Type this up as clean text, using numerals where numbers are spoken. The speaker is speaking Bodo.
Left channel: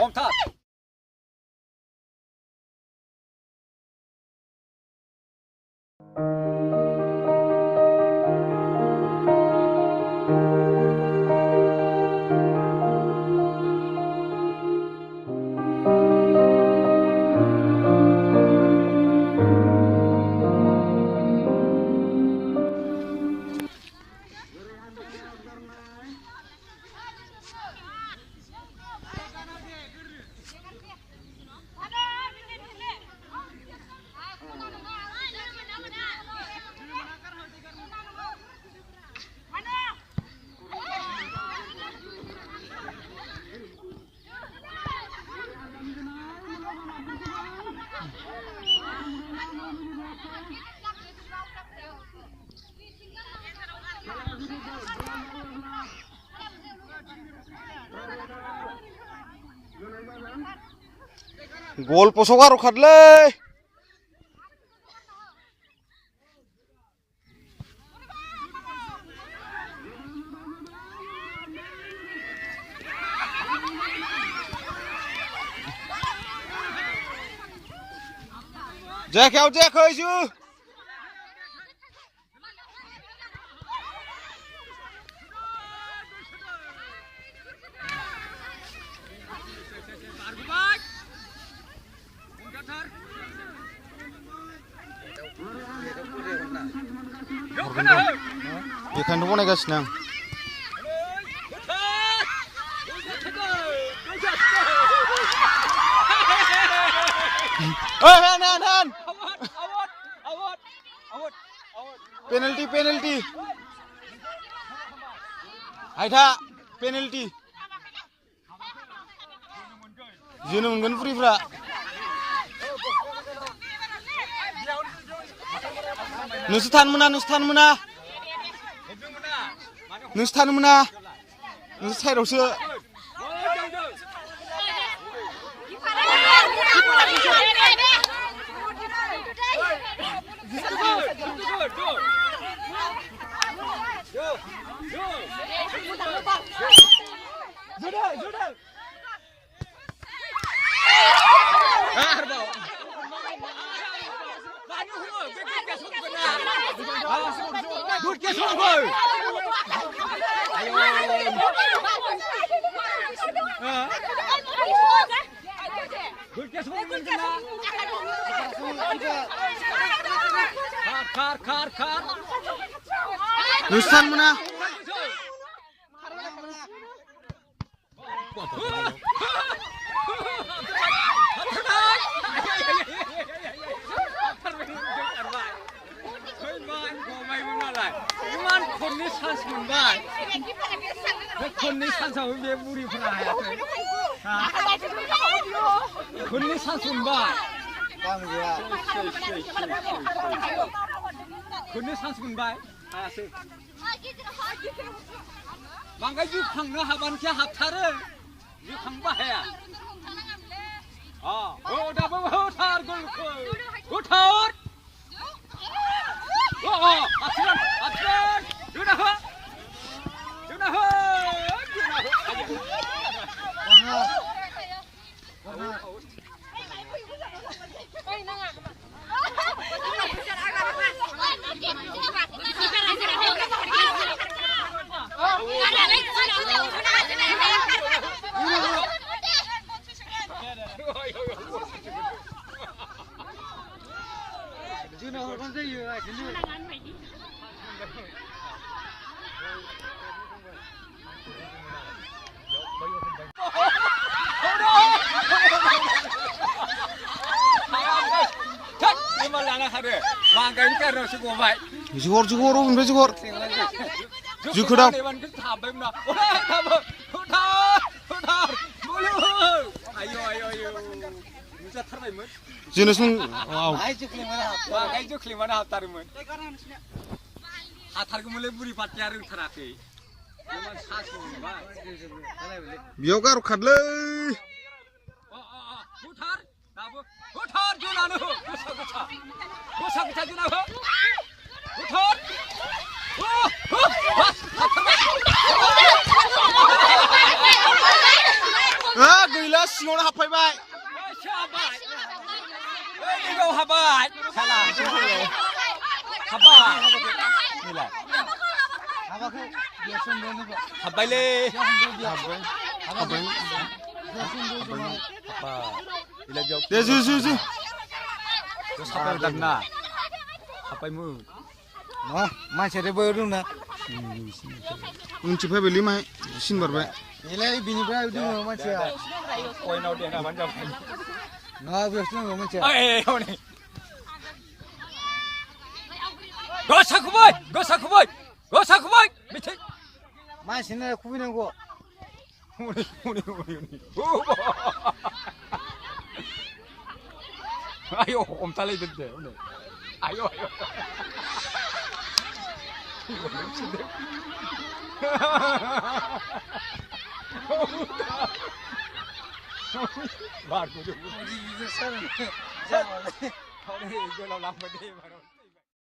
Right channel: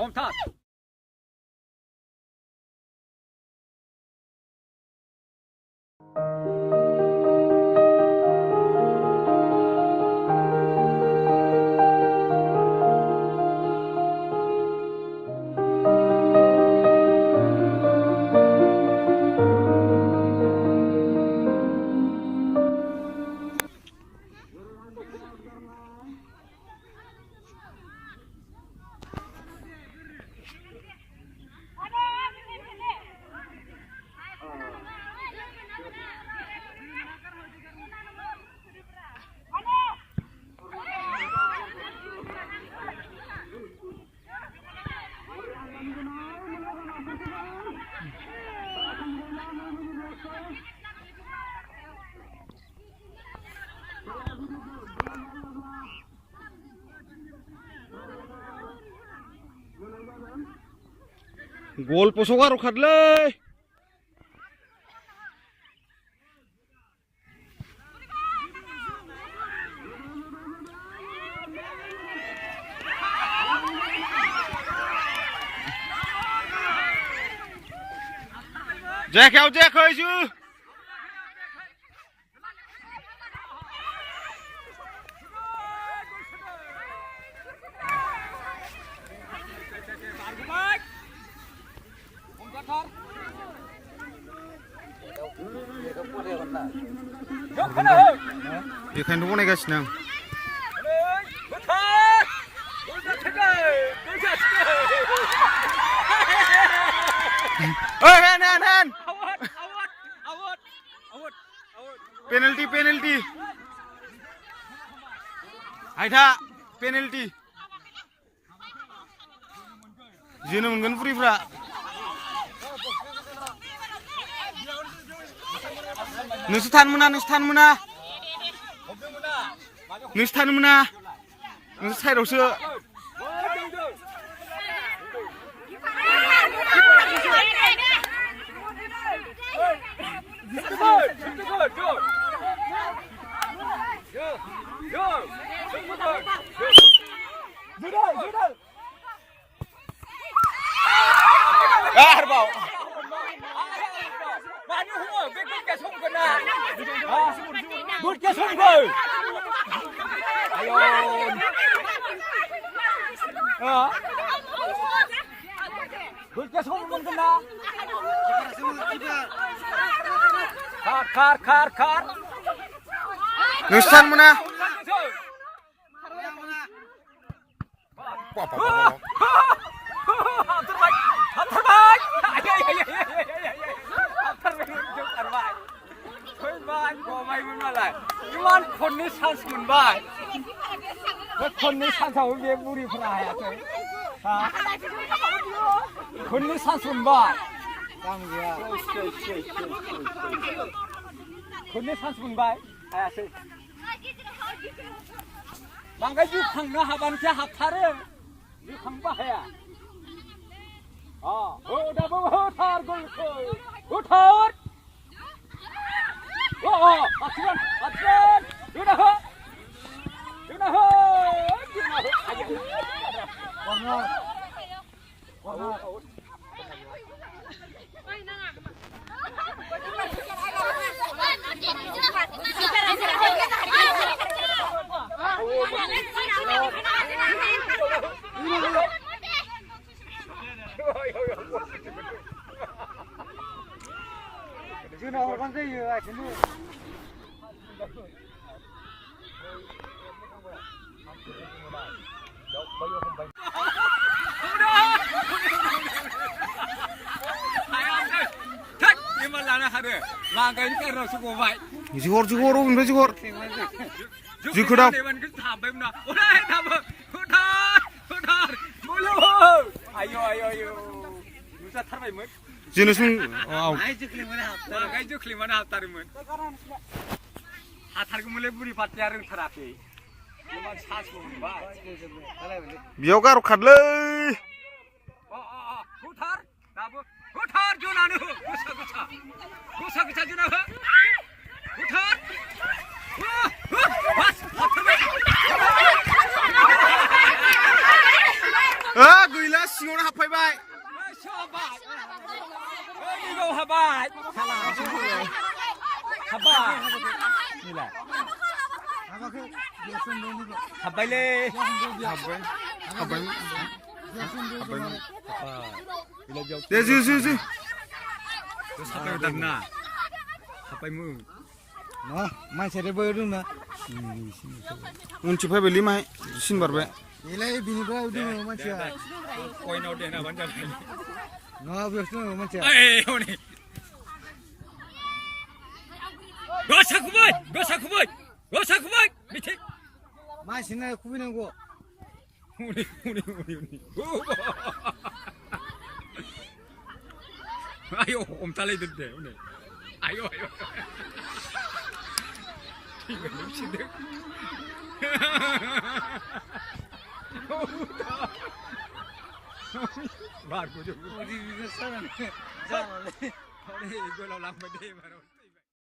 हमथार Gol posogar khadle Jack out Jack ơi chứ बेखायनो बनायगासिनो आं ओइ हेन हेन हेन पेनाल्टी पेनाल्टी आइथा पेनाल्टी जोनो मोनगोन फ्रिफ्रा नोंसोर थानो मोना नोंसोर थानो मोना नोंसोर थानो मोना नोंसोर साइडआवसो खार नोंसोर थानो मोना खननै चान्स मोनबाय बे खननै चान्सआव बे बुरिफोरा हायाखै खननै चान्स मोनबाय खननै चान्स मोनबाय हायासै बांद्राय जोखांनो हाबानोसो हाबथारो जोखांबो हाया दाबो होथार गलखौ होथार Jigor jigor udah jigor jigor jenis wow biar khadle गैला सिङावनो हाबफैबाय 이거 하바 살아 하바 하바래 हाबबाय दे जो 사발 당나 하바이무 मानसियाबो रोंना उनथि फैबायलै माहाय सिन बारबाय इलाय बिनिफ्राय दङ मानसिया कोइनाव देना मानजा नङा बेयावसो दङ मानसिया 에이 형님 거사쿠바이 밑에 मानसिनो खुबैनांगौ 우리 아유 옴탈레이던데 오늘 아유 이거 넘치네 말 우리 우리 이거 사람 이거 람바데 말어